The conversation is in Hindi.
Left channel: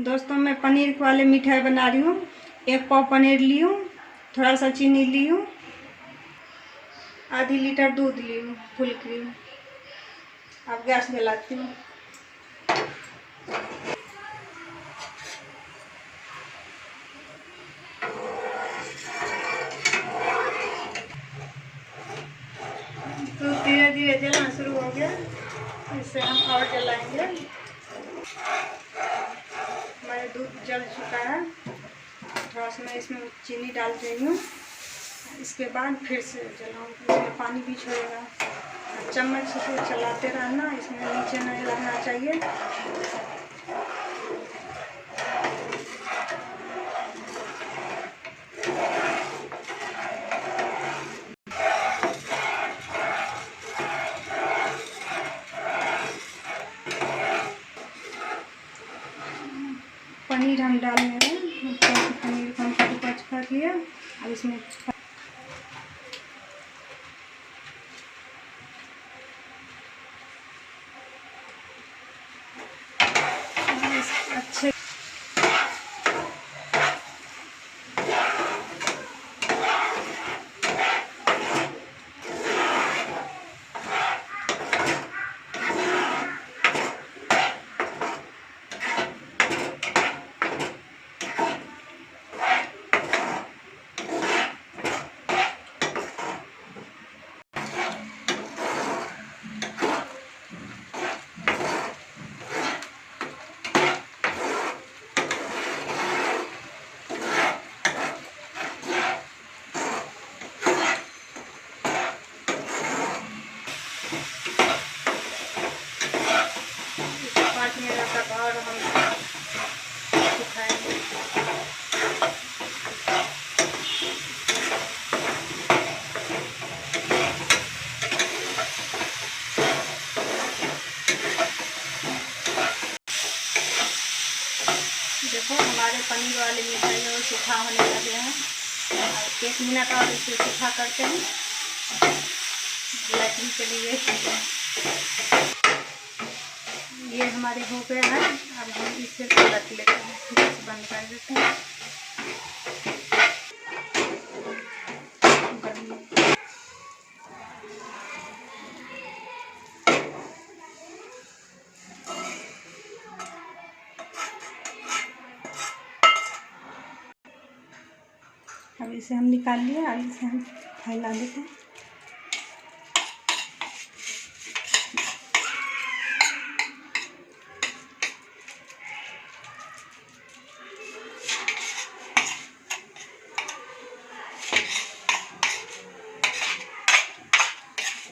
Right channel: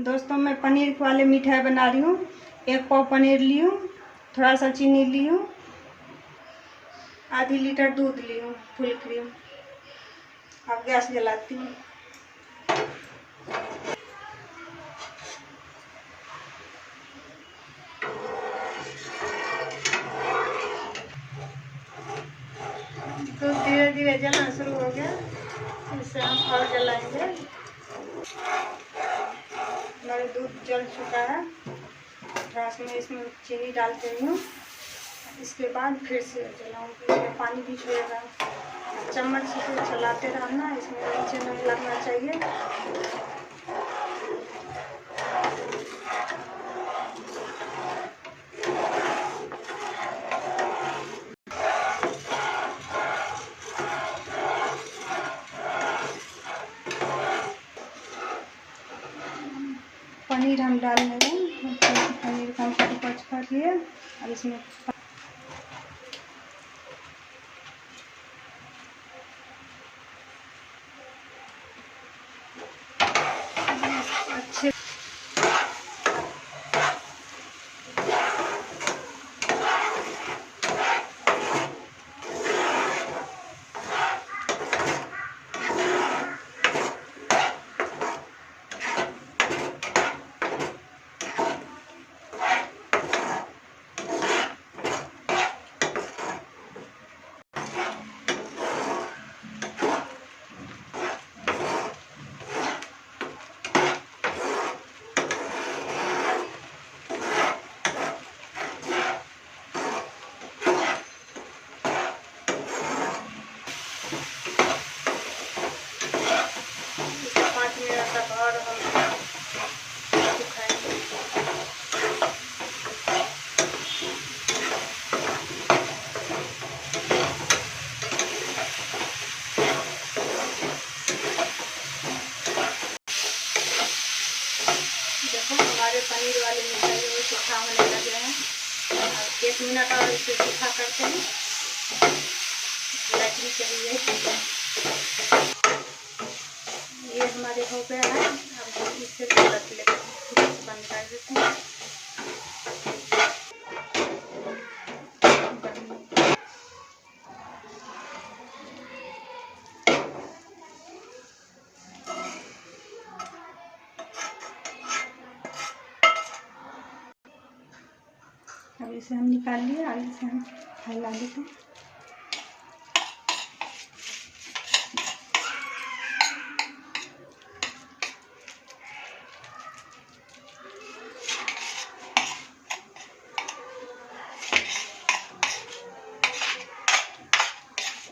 दोस्तों मैं पनीर वाले मिठाई बना रही हूँ। 1 पाव पनीर ली हूँ, थोड़ा सा चीनी ली हूँ, आधी लीटर दूध ली हूँ फुल क्रीम। अब गैस जलाती हूँ। दूध धीरे धीरे जलना शुरू हो गया, इससे हम और जलाएंगे। हमारे दूध जल चुका है। थोड़ा सा मैं इसमें चीनी डाल रही हूँ, इसके बाद फिर से जलाऊंगी। इसमें पानी भी छोड़ेगा। चम्मच से चलाते रहना, इसमें नीचे नहीं लगना चाहिए। पनीर हम डाल रहे हैं। पनीर को हम कट कर लिए। अब इसमें अच्छे देखो हमारे पनीर वाले मिठाई वो सूखा होने लगे हैं। 1 मिनट और इसे सूखा करते हैं ब्लैकिंग के लिए। ये हमारे हो गया है। अब हम इसे पलट लेते हैं, फिर बंद कर देते हैं। अब इसे हम निकाल लिए। अब इसे हम फैला देते हैं।